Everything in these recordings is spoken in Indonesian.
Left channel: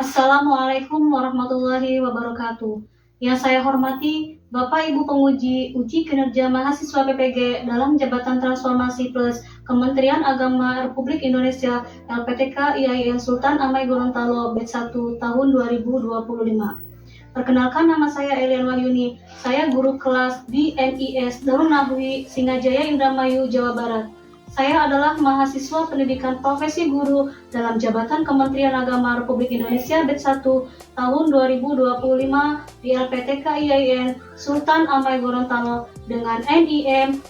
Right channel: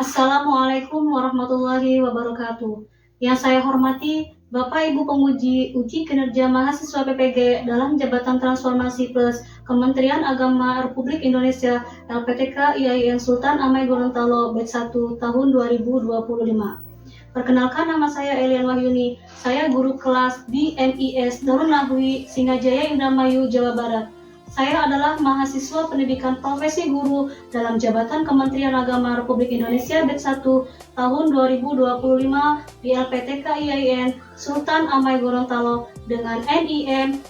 Assalamualaikum warahmatullahi wabarakatuh. Yang saya hormati Bapak Ibu penguji uji kinerja mahasiswa PPG dalam Jabatan Transformasi Plus Kementerian Agama Republik Indonesia LPTK IAIN Sultan Amai Gorontalo Batch 1 tahun 2025. Perkenalkan, nama saya Elian Wahyuni. Saya guru kelas di NIS Darun Nahwi Singajaya Indramayu, Jawa Barat. Saya adalah mahasiswa pendidikan profesi guru dalam Jabatan Kementerian Agama Republik Indonesia Batch 1 tahun 2025 di LPTK IAIN Sultan Amai Gorontalo dengan NIM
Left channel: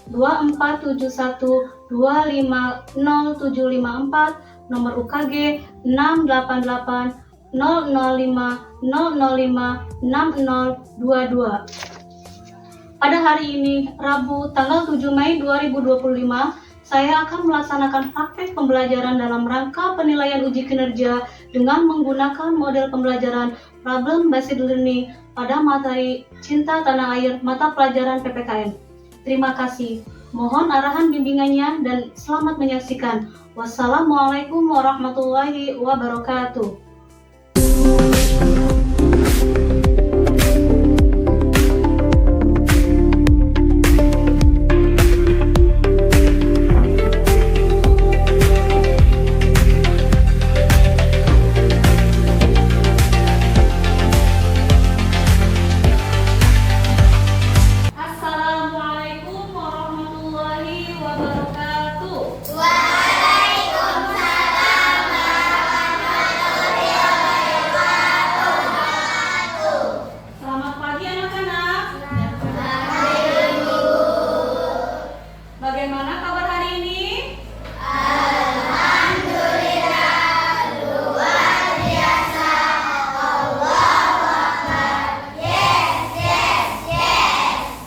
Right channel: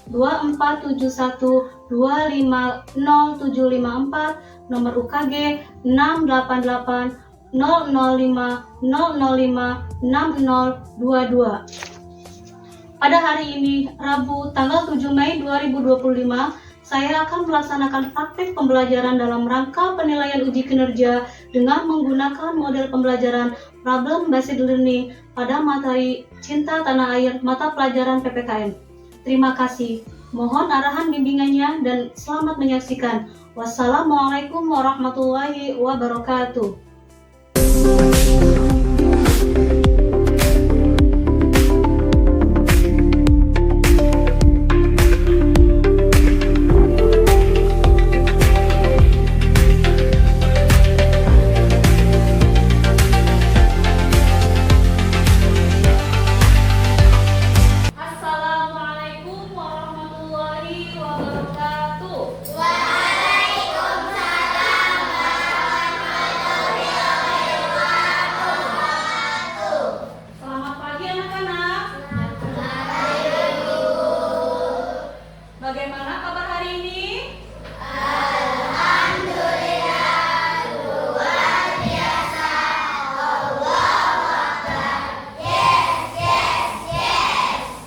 24712500754, nomor UKG 688 005 005 6022. Pada hari ini, Rabu, tanggal 7 Mei 2025, saya akan melaksanakan praktek pembelajaran dalam rangka penilaian uji kinerja dengan menggunakan model pembelajaran Problem Based Learning pada materi Cinta Tanah Air mata pelajaran PPKN. Terima kasih. Mohon arahan bimbingannya dan selamat menyaksikan. Wassalamualaikum warahmatullahi wabarakatuh. Bagaimana kabar hari ini? Alhamdulillah, luar biasa. Allahu Akbar. Yes.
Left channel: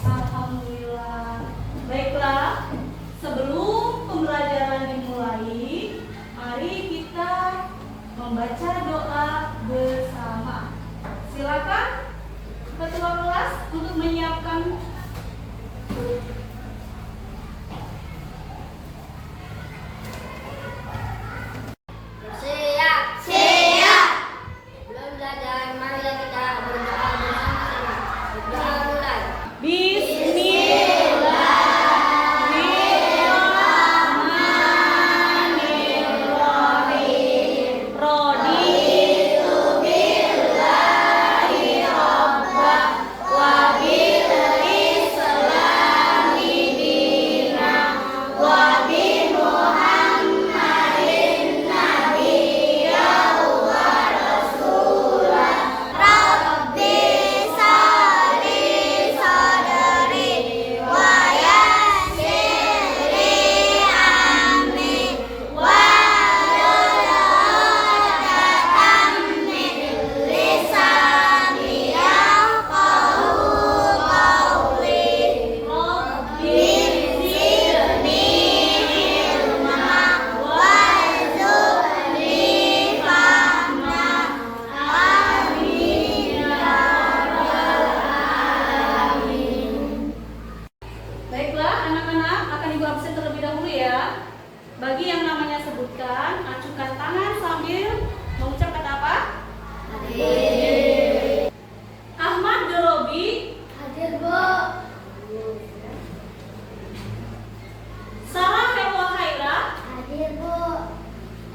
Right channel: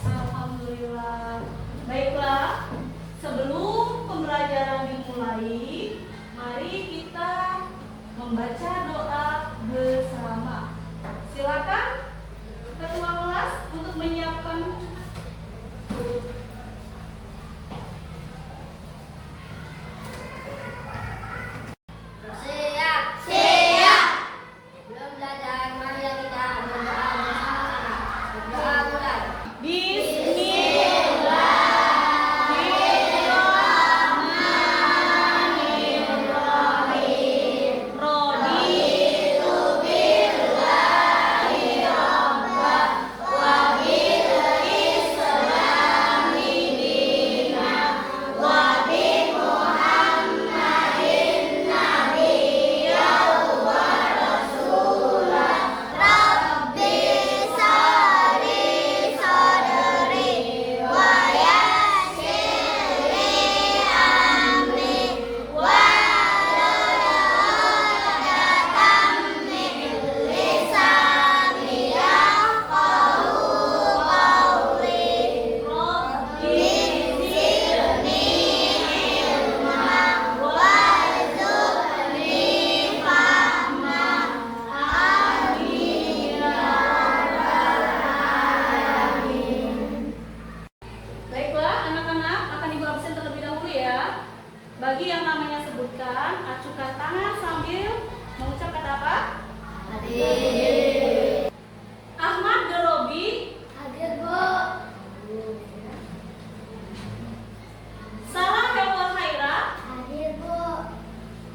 Alhamdulillah. Baiklah, sebelum pembelajaran dimulai, mari kita membaca doa bersama. Silakan ketua kelas untuk menyiapkan. Siap. Belum belajar, marilah kita berdoa bersama-sama. Berdoa mulai. Bismillahirrahmanirrahim. Raditu billahi rabban wa bil islami dinan wa bi Muhammadin nabiyyan wa rasulan. Rabbi sholli sadri wa yassir li amri wahlul 'uqdatam min lisani yafqahu qawli. Rabbi zidni ilma warzuqni fahma. Amin ya rabbal alamin. Baiklah, anak-anak, akan Ibu absen terlebih dahulu ya. Bagi yang namanya sebutkan, acukan tangan sambil mengucap kata apa? Ahmad Dorobi, Hadir, Bu. Sarah Helwa Haira. Hadir, Bu.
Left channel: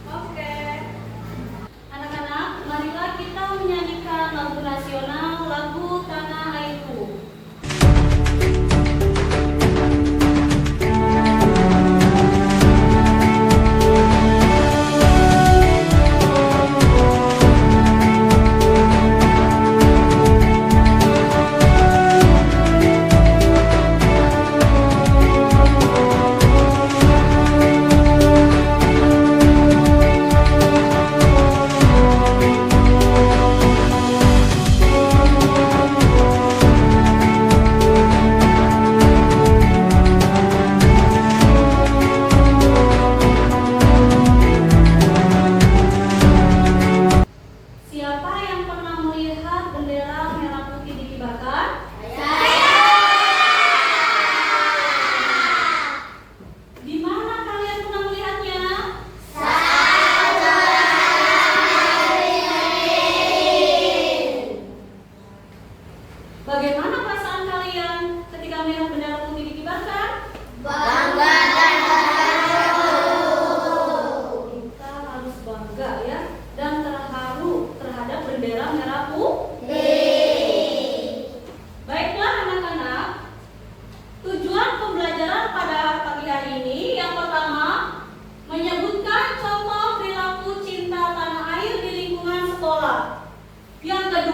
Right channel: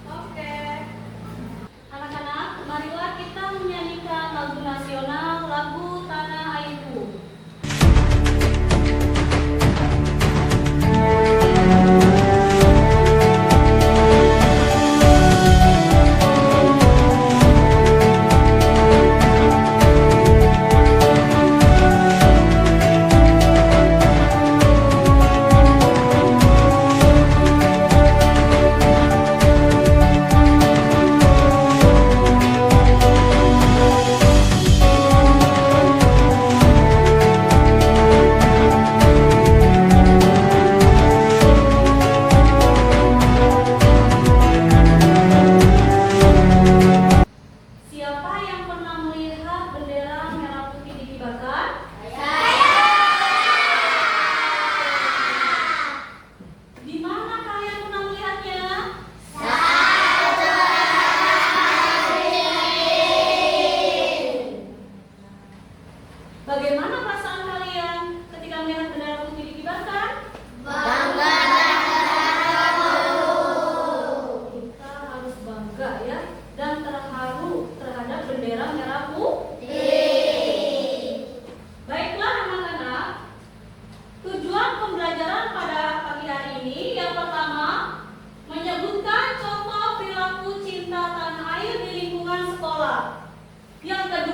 Oke. Anak-anak, marilah kita menyanyikan lagu nasional, lagu Tanah Airku.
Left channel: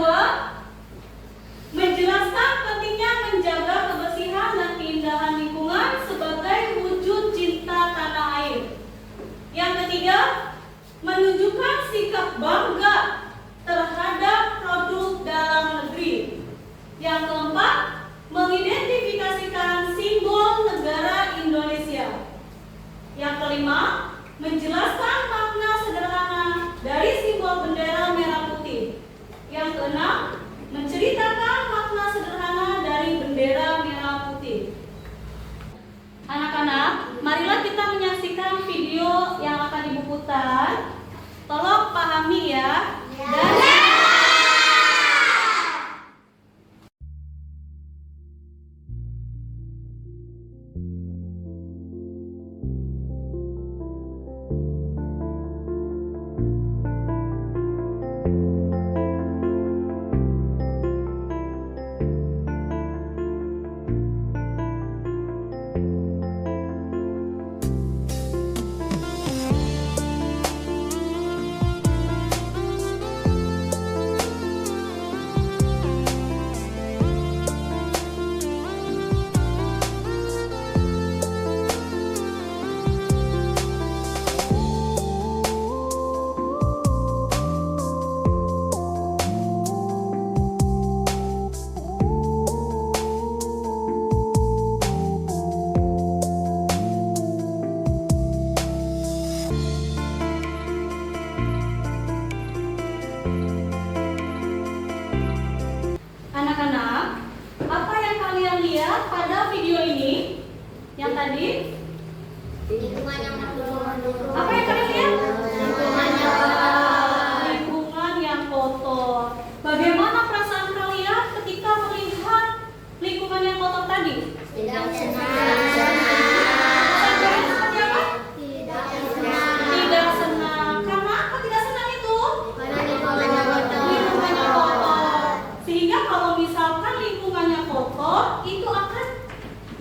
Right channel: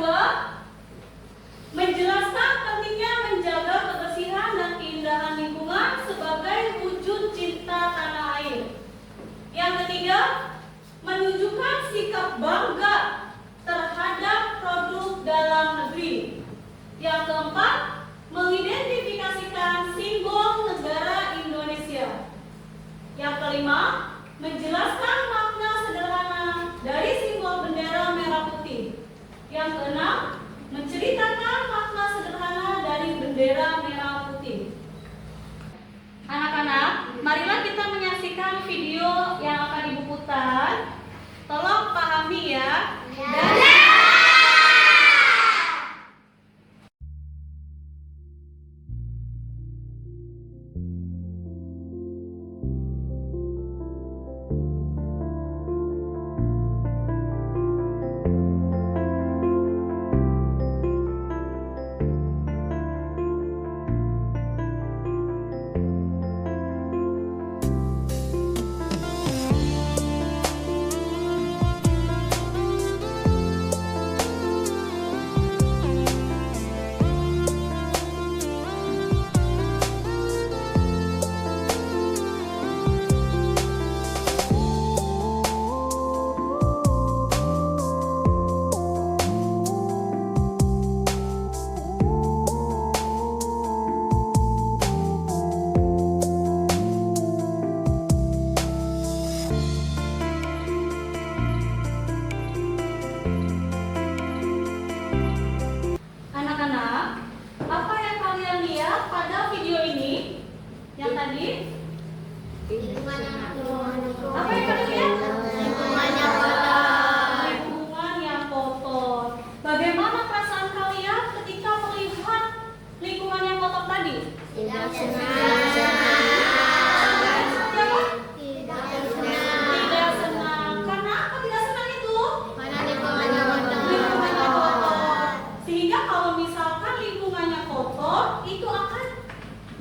kedua, menjelaskan pentingnya menjaga kebersihan dan keindahan lingkungan sebagai wujud cinta tanah air. Yang ketiga, menunjukkan sikap bangga terhadap produk dalam negeri. Yang keempat, mengidentifikasikan simbol negara Indonesia. Yang kelima, menjelaskan makna sederhana dari simbol bendera merah putih. Yang keenam, menceritakan makna sederhana dari bendera merah putih. Anak-anak, marilah kita menyaksikan video yang akan Ibu putar. Tolong pahami ya. Dan anak-anak, apa yang kalian lihat pada video ini? Yang tadi? Apa yang kalian lihat? Lingkungan yang kotor. Bagaimana perasaan kalian ketika melihat lingkungan yang kotor tadi? Tidak senang. Perasaannya seperti apa? Tidak senang. Tidak senang. Karena apa tidak senang itu? Karena lingkungannya kotor. Lingkungannya kotor. Sehingga kalau misalkan lingkungannya kotor, itu akan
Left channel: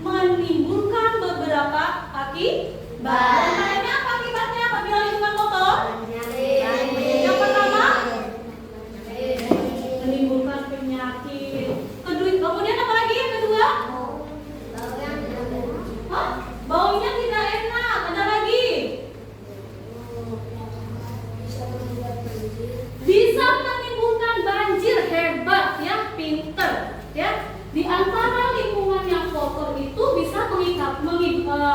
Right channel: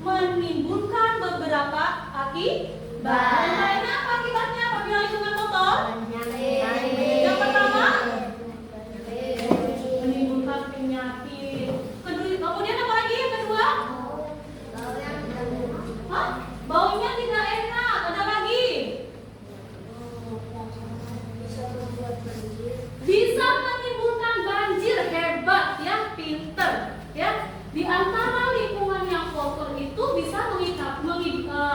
menimbulkan beberapa akibat. Lainnya apa akibatnya apabila lingkungan kotor? Yang pertama, menimbulkan penyakit. Kemudian apa lagi yang kedua? Hah? Baunya tidak enak. Ada lagi? Bisa menimbulkan banjir. Hebat ya, pinter ya. Di antara lingkungan yang kotor itu bisa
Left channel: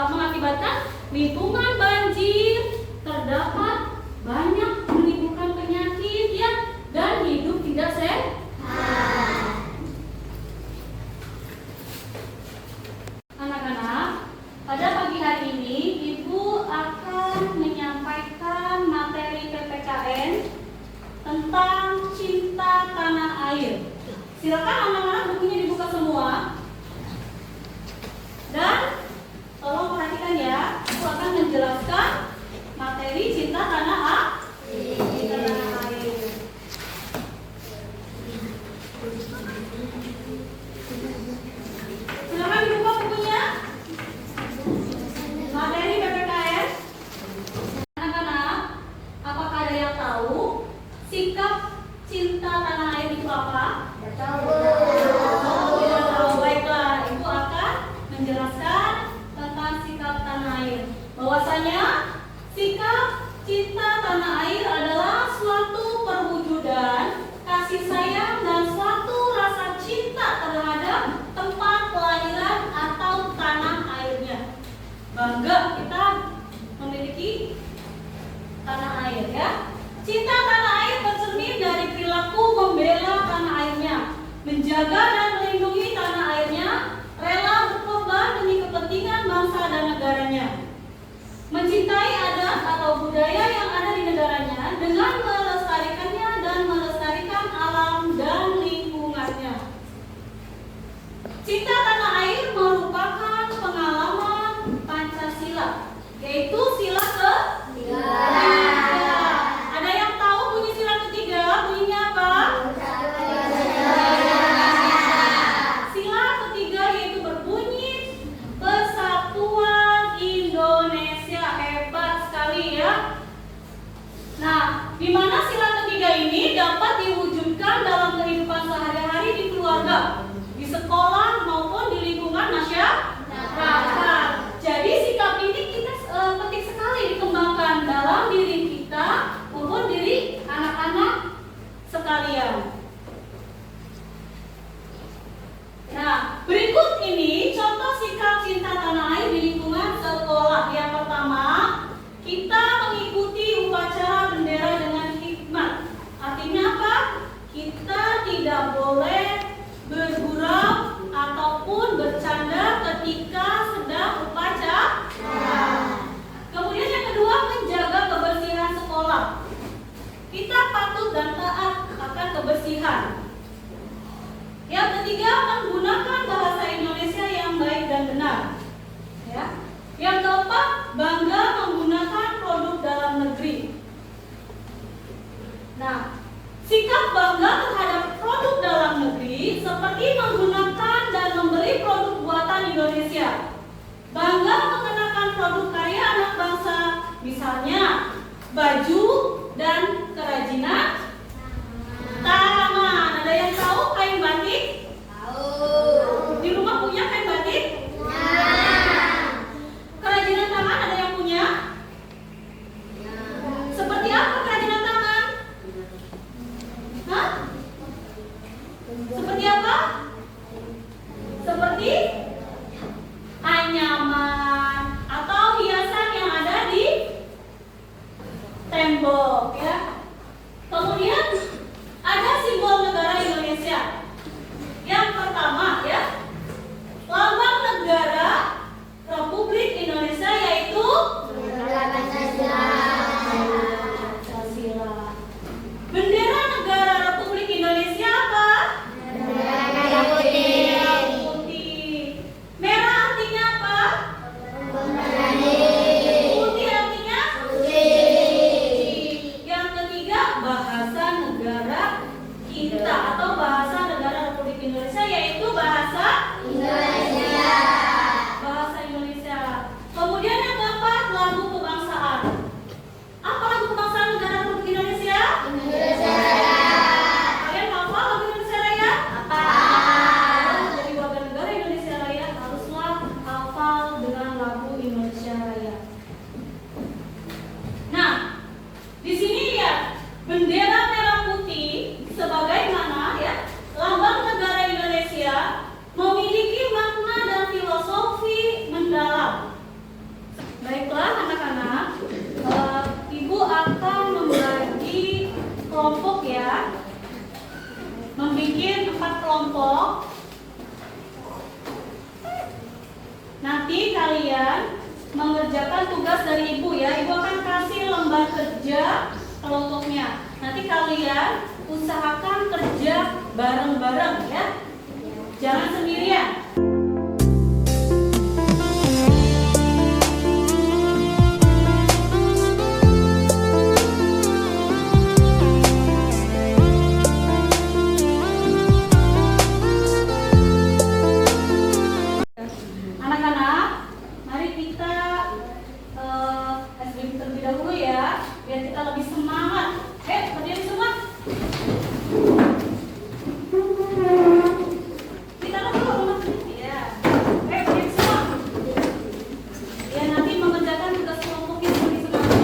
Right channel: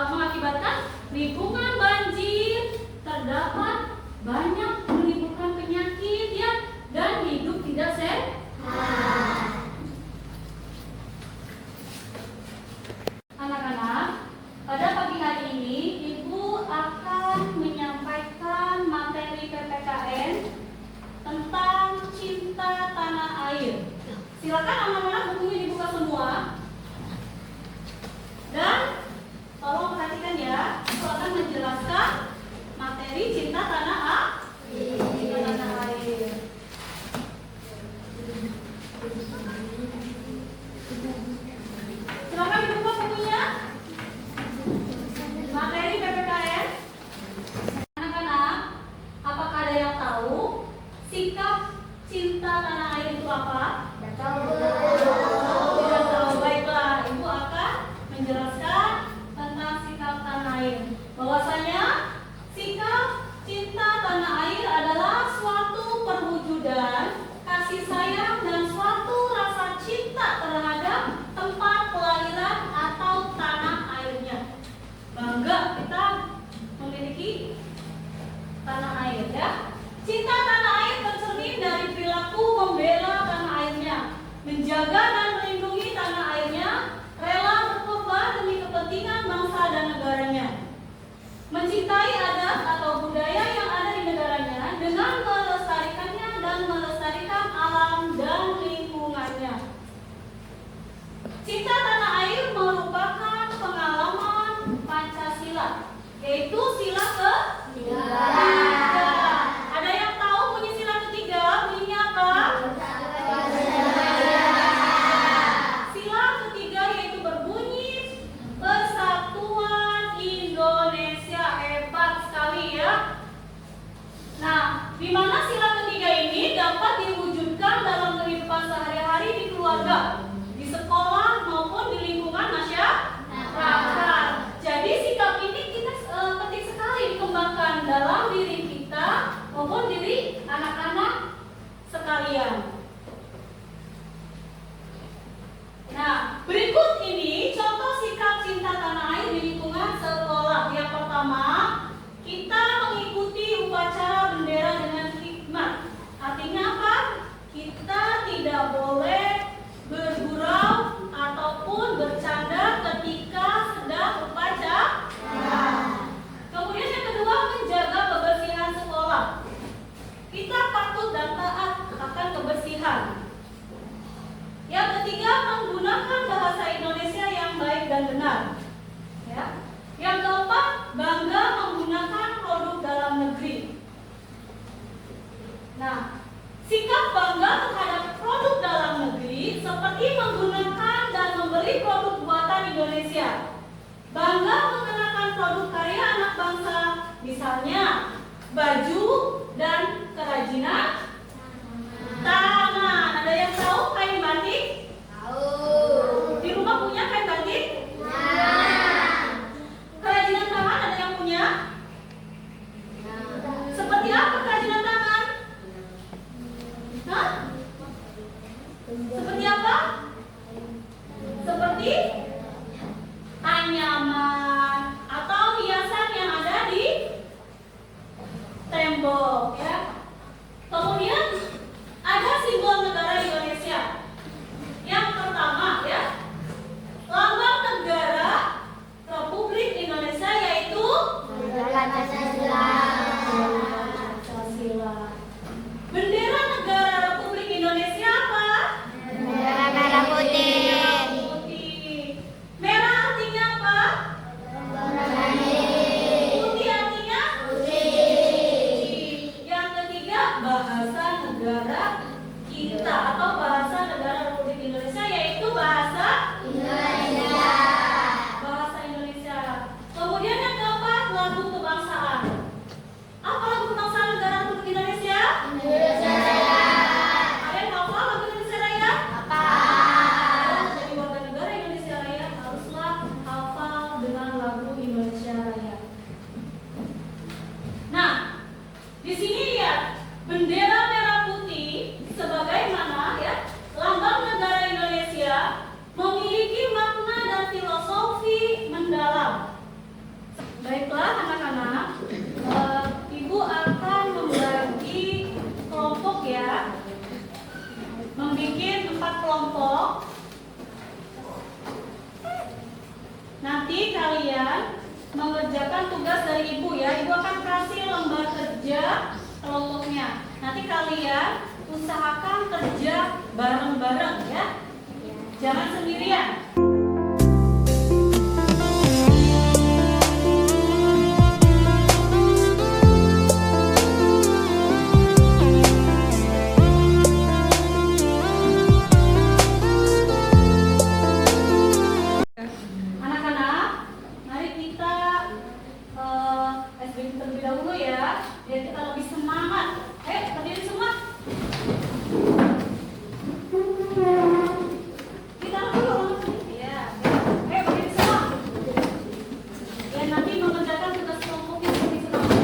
mengakibatkan lingkungan banjir, terdapat banyak menimbulkan penyakit ya, dan hidup tidak sehat. Anak-anak, pada pagi hari ini Ibu akan menyampaikan materi PPKN tentang cinta tanah air. Silakan anak-anak bukunya dibuka semua. Dan tolong perhatikan ya, Ibu akan menjelaskan materi cinta tanah air. Cinta tanah air. Silakan dibuka bukunya. Materi PPKN. Anak-anak, apakah ada yang tahu sikap cinta tanah air itu apa? Tidak tahu. Baiklah, Ibu akan menjelaskan tentang sikap tanah air. Bahwasanya sikap cinta tanah air adalah suatu perwujudan kasih sayang dan suatu rasa cinta terhadap tempat kelahiran atau tanah airnya. Bangga kita memiliki tanah air ya. Cinta tanah air tercermin dari perilaku membela tanah airnya, menjaga dan melindungi tanah airnya, rela berkorban demi kepentingan bangsa dan negaranya, mencintai adat atau budaya yang ada di negaranya dengan melestarikannya dan melestarikan alam dan lingkungannya. Cinta tanah air merupakan pengalaman Pancasila, yaitu sila ketiga. Ada yang tahu bunyi sila ketiga? Bunyinya apa? Sila ketiga yaitu berbunyi Persatuan Indonesia. Hebat sekali ya. Nah, di mana sila ketiga ini dapat diwujudkan dalam kehidupan akal. Jadi sikap ini kita penting sekali dikembangkan dalam diri kita maupun diri anak-anak sekalian. Nah, berikut ini contoh sikap cinta tanah air di lingkungan sekolah. Yang pertama, kita mengikuti upacara bendera dengan hikmat. Artinya apa? Kita tidak boleh bergurau ataupun bercanda ketika sedang upacara. Kemudian yang kedua, menjaga kebersihan sekolah. Kita patuh dan taat akan kebersihan. Yang ketiga, menggunakan bahasa Indonesia yang baik dan benar. Ya. Yang keempat, bangga menggunakan produk dalam negeri. Nah, sikap bangga terhadap produk dalam negeri seperti menggunakan dan membeli produk buatan Indonesia. Bangga mengenakan produk karya anak bangsa, misalnya baju dan kerajinan tangan. Ada yang tahu kain batik? Tahu. Di rumah punya kain batik? Kerajinan tangan ada yang punya? Seperti apa kerajinan tangan? Hah? Seperti apa? Seperti anyaman atau hiasan yang ada di tembok, ya. Kemudian ada simbol negara Indonesia. Yang pertama, ya, lambang negara Republik Indonesia yaitu Pancasila. Bendera negara Republik Indonesia apa? Merah putih. Putih. Merah artinya apa? Putih. Putih artinya? Putih. Yang ketiga, bahasa negara kita atau bahasa negara Republik Indonesia yaitu bahasa Indonesia. Bahasa Indonesia. Kemudian yang keempat, lagu kebangsaan. Apa lagu kebangsaan negara Republik Indonesia? Indonesia Raya. Kalian hafal lagu Indonesia Raya? Apa? Jadi warga negara Indonesia Raya haruslah hafal dengan lagu Indonesia Raya. Nah, di sini lihat bendera merah putih sebagaimana, ya, lambang negara Indonesia memiliki makna dan filosofi mendalam. Baiklah anak-anak, Ibu akan membagi kelompok, ya, membuat 4 kelompok. Nanti kalian mengerjakan tugas dari Ibu, ya. Ibu akan kasih lembar kerja kelompoknya. Nanti kalian usahakan kerja bareng-bareng, ya. Jangan sendirian. Anak-anak, mari kita SBM terlebih dahulu, ya, biar kita lebih semangat. Berdiri semua. Kita dulu. Ya. Berdiri semua. Ya, nanti mengerjakan tugas kelompoknya seperti sekarang.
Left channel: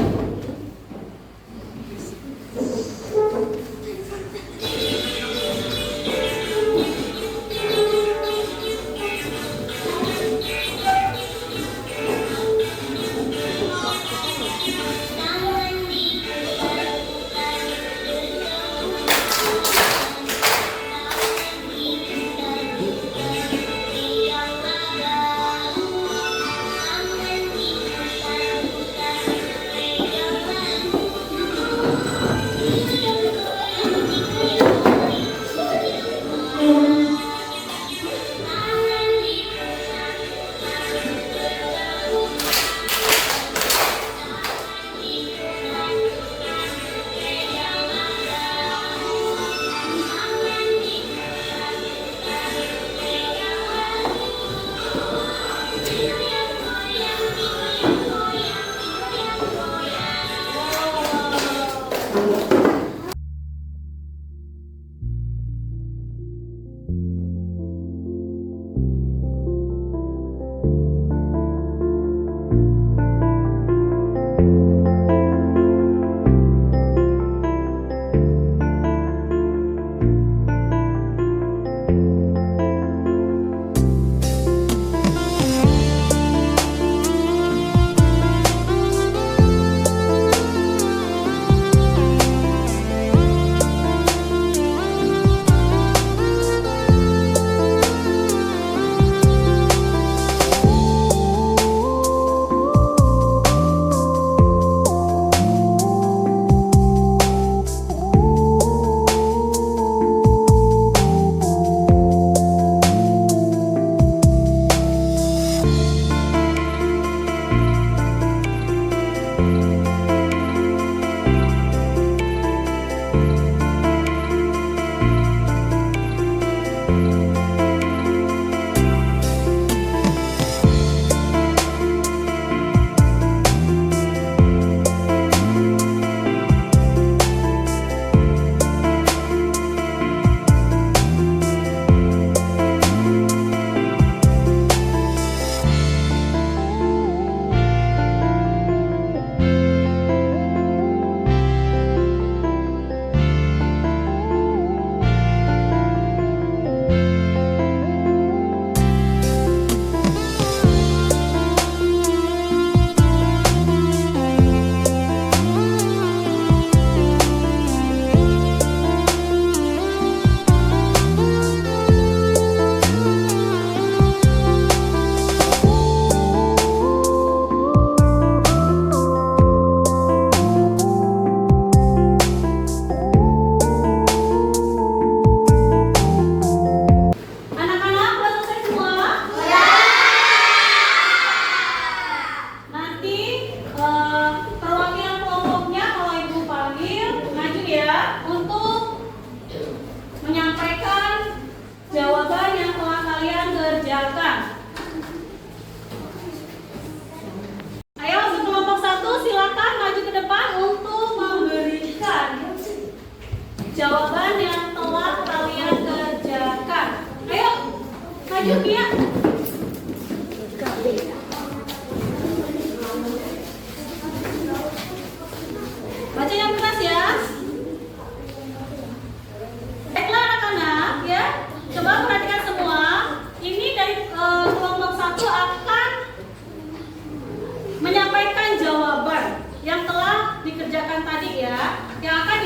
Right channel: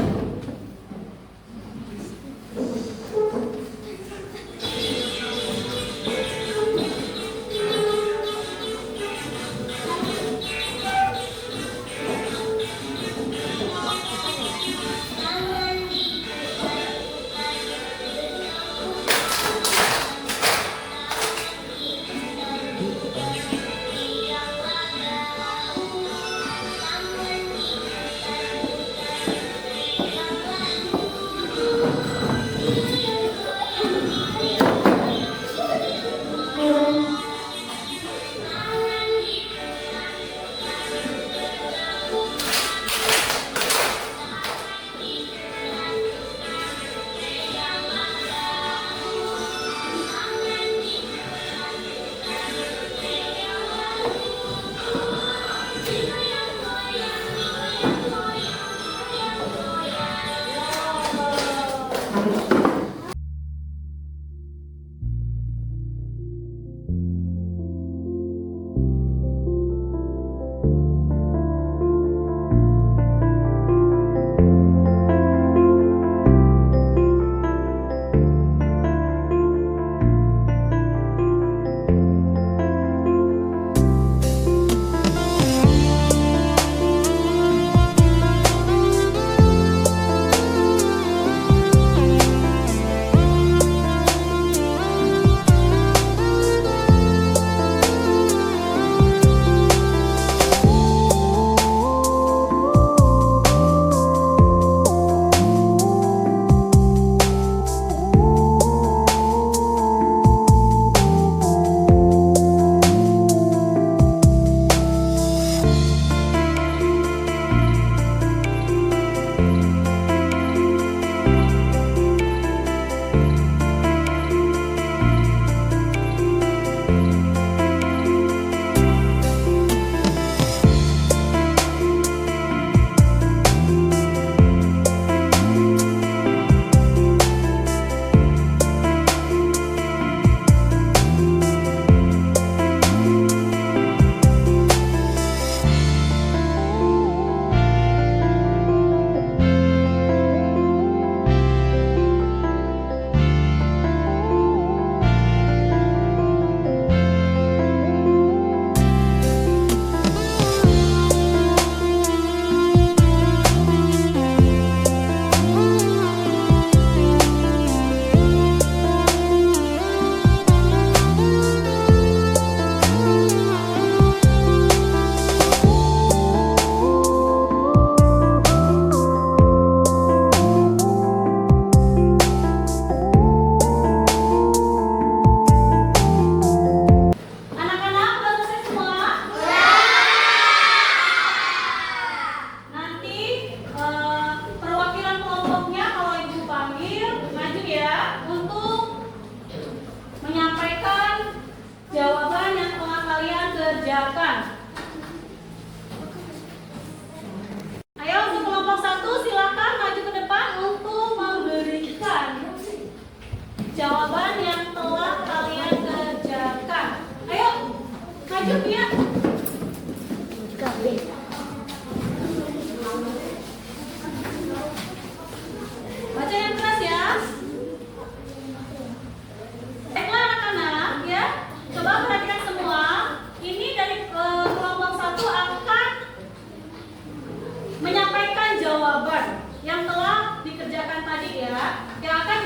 ya, yang akan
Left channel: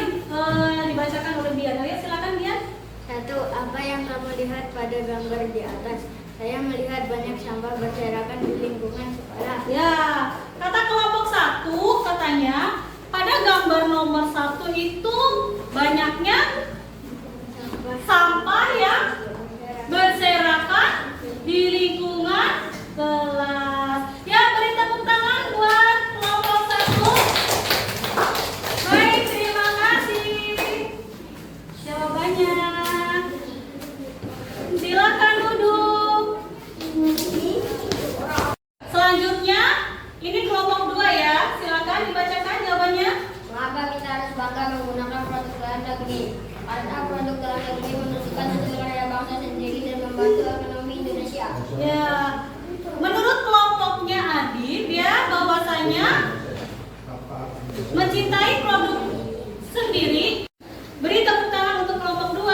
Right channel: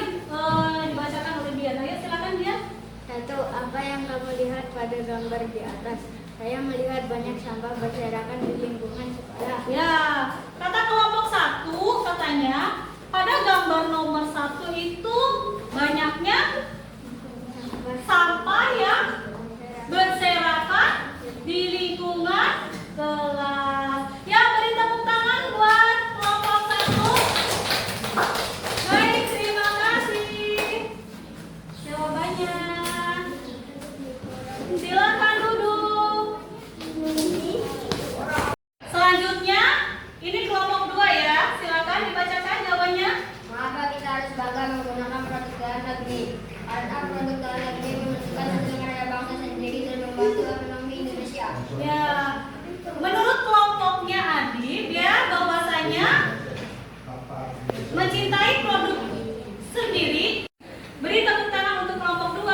dibacakan oleh Dian. Ayo silakan Dian. 1. Apa yang kamu lihat pada gambar di atas? Saya melihat banyak sampah berserakan di lingkungan sekolah. Ya, kata kelompok 1 katanya pada gambar nomor 1 itu banyaknya sampah yang berserakan di lingkungan kelas. Ya, beri tepuk tangan buat kelompok 1. Baik, terima kasih. Jawabannya. Silakan duduk. Selanjutnya, ini kelompok 2 ya. Silakan dibacakan jawabannya. Mengapa kita harus bangga menggunakan produk dalam negeri? Karena produk dalam negeri menunjukkan hasil karya bangsa sendiri dan membantu ekonomi Indonesia. Ya, menurut kelompoknya Adi, dia bahwasanya mencintai produk sendiri. Beri tepuk tangan untuk kelompok 2.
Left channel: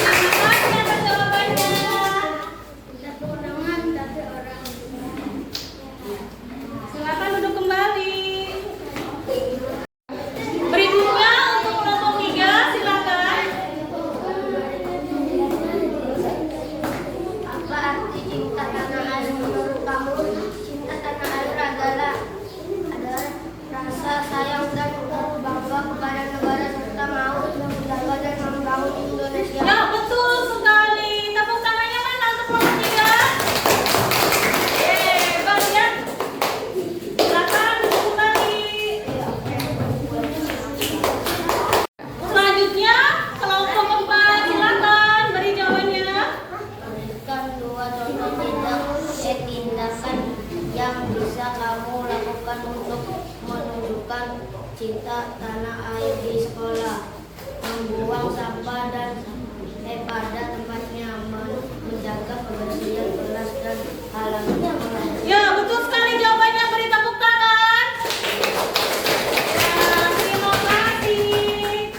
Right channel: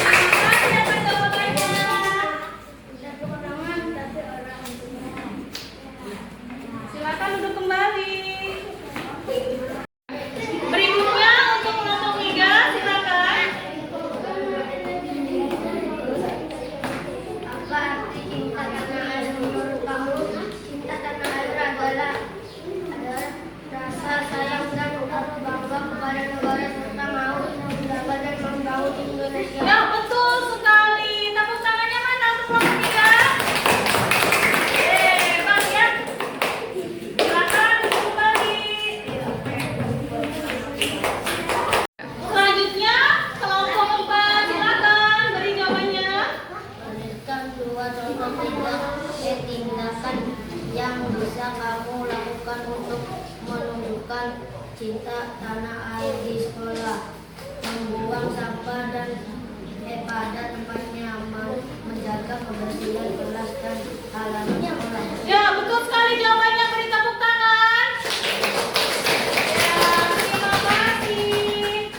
Terima kasih atas jawabannya. Silakan duduk kembali. Berikutnya untuk kelompok 3, silakan. Apa arti cinta tanah air menurut kamu? Cinta tanah air adalah rasa sayang dan bangga kepada negara serta mau menjaga dan membangun Indonesia. Ya, betul sekali. Tepuk tangannya mana untuk kelompok 3? Hebat ya. Silakan duduk kembali. Selanjutnya kelompok 4, silakan beri jawabannya. Menunjukkan 2 contoh tindakan yang bisa kamu lakukan untuk menunjukkan cinta tanah air di sekolah. Membuang sampah dan pada tempatnya, menjaga kebersihan kelas dan halaman sekolah. Ya, betul sekali jawabannya. Beri tepuk tangan. Ya, terima kasih.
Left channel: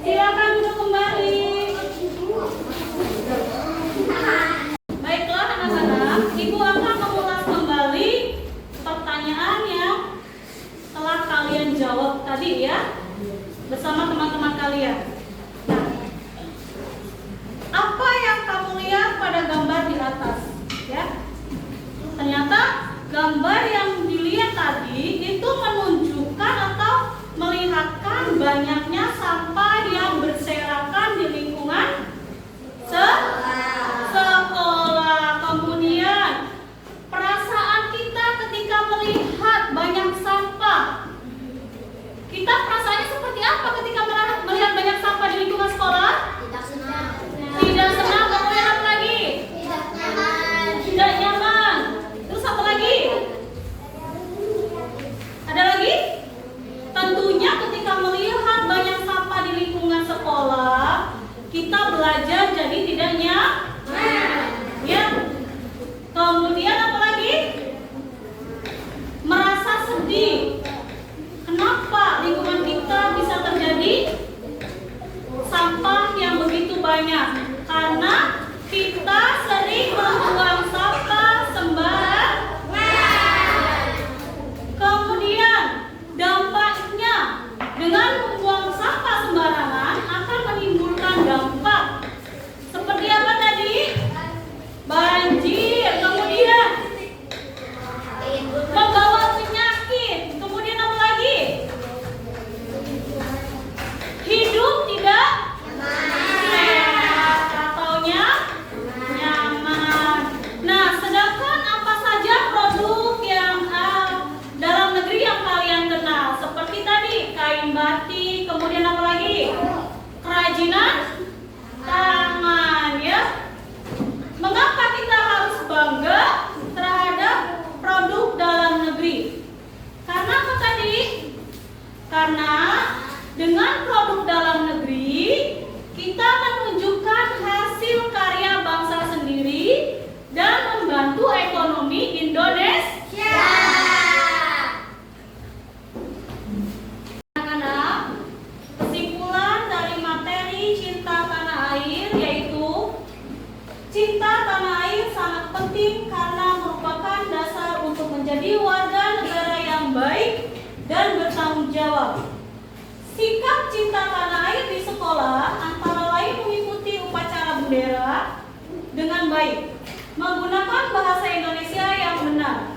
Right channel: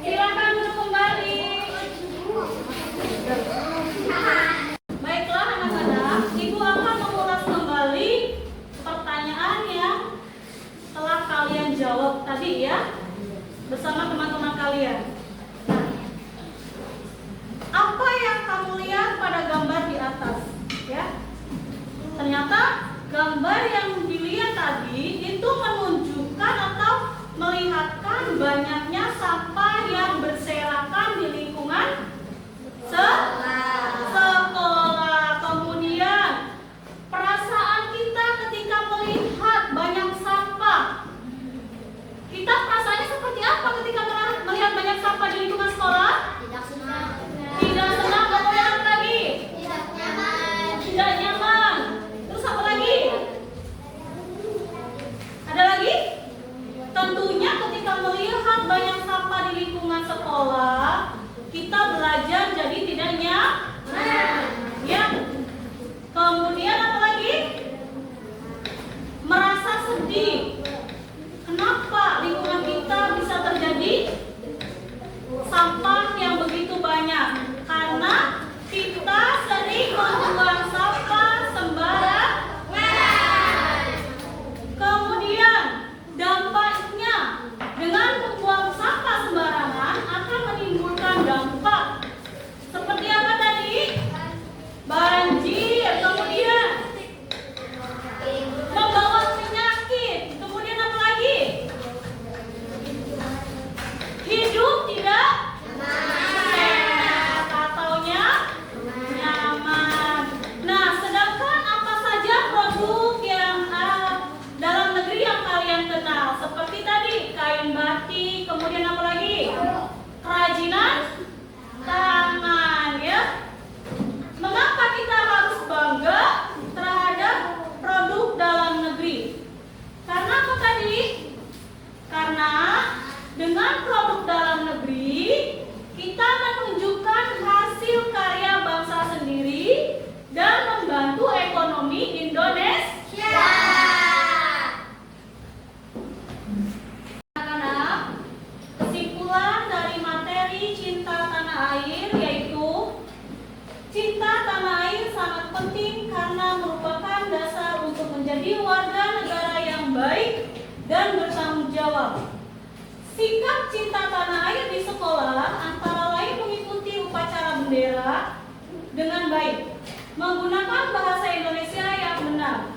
Silakan duduk kembali. Baiklah anak-anak, Ibu akan mengulas kembali pertanyaan yang telah kalian jawab tadi ya, bersama teman-teman kalian. Nah, apa yang kamu lihat pada gambar di atas? Ya, ternyata gambar yang dilihat tadi itu menunjukkan atau melihatkan banyaknya sampah yang berserakan di lingkungan sekolah. Kemudian perasaan kita ketika melihat banyak sampah. Kita perasaannya seperti apa ketika melihat banyak sampah di lingkungan sekolah? Tidak senang. Tidak senang. Kemudian apa lagi? Tidak nyaman. Tidak nyaman. Terus apa lagi? Ada lagi? Tentunya ketika melihat banyak sampah di lingkungan sekolah, kita belajar jadi tidak nyaman. Ya. Kemudian apa lagi? Merasa sedih. Kenapa lingkungan kita bisa terjadi sampah yang begitu banyak? Karena kita sering membuang sampah sembarangan. Kemudian dampaknya dengan membuang sampah sembarangan akan menimbulkan dampak seperti apa tadi? Banjir, kemudian membawa penyakit, kemudian apa lagi? Hidup tidak sehat atau nyaman. Nah, sedangkan apa saja produk yang dalam negeri yang kalian kenal? Seperti tadi, kain batik, kemudian apa lagi? Kerajinan tangan, ya. Mengapa kita harus bangga terhadap produk dalam negeri? Karena apa tadi? Karena dengan produk dalam negeri kita menunjukkan hasil karya bangsa sendiri dan membantu ekonomi Indonesia. Anak-anak, kesimpulan dari materi cinta tanah air yaitu cinta tanah air sangat penting karena merupakan dasar untuk menjadi warga negara yang baik dan bertanggung jawab. Sikap cinta tanah air di sekolah antara lain mengikuti upacara bendera dengan baik, menggunakan bahasa Indonesia yang benar,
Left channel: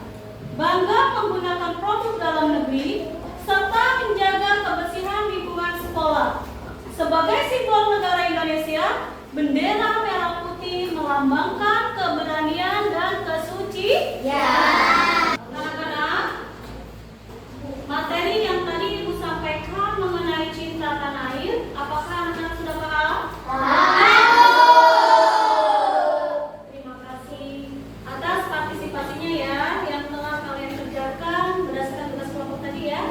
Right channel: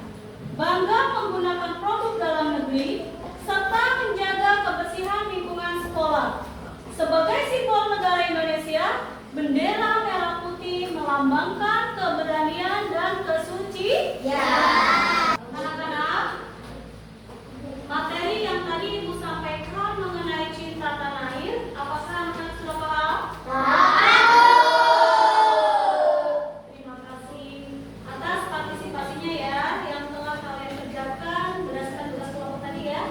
bangga menggunakan produk dalam negeri, serta menjaga kebersihan lingkungan sekolah. Sebagai simbol negara Indonesia, bendera merah putih melambangkan keberanian dan kesucian. Anak-anak, materi yang tadi Ibu sampaikan mengenai cinta tanah air, apakah anak-anak sudah paham? Terima kasih atas partisipasinya ya, yang telah kalian kerjakan berdasarkan tugas kelompok tadi ya.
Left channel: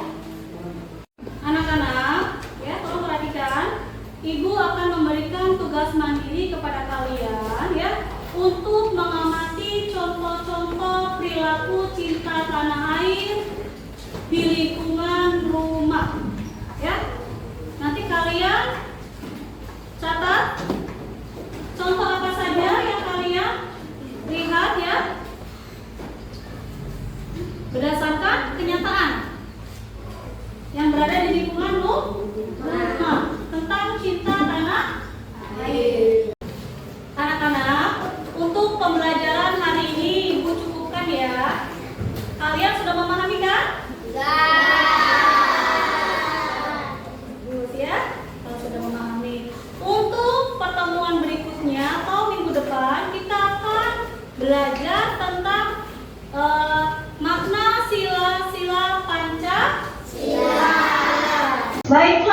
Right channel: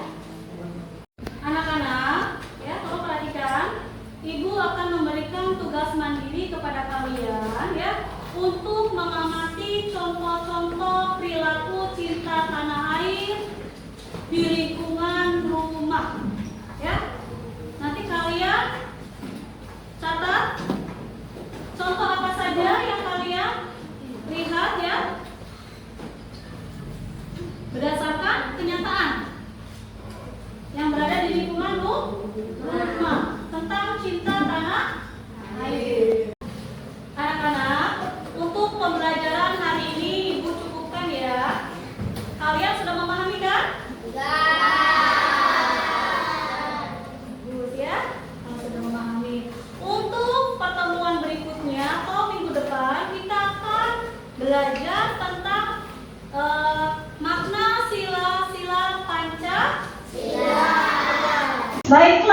Anak-anak, ya tolong perhatikan. Ibu akan memberikan tugas mandiri kepada kalian ya untuk mengamati contoh-contoh perilaku cinta tanah air di lingkungan rumah. Ya. Nanti kalian catat contoh apa saja yang kalian lihat ya. Berdasarkan kenyataan yang berada di lingkungan rumah tentang cinta tanah air. Anak-anak, untuk pembelajaran hari ini Ibu cukupkan ya. Kalian sudah memahami kan? Bagus ya, kalau sudah memahami. Untuk pertemuan berikutnya atau minggu depan kita akan belajar tentang makna sila-sila Pancasila. Baik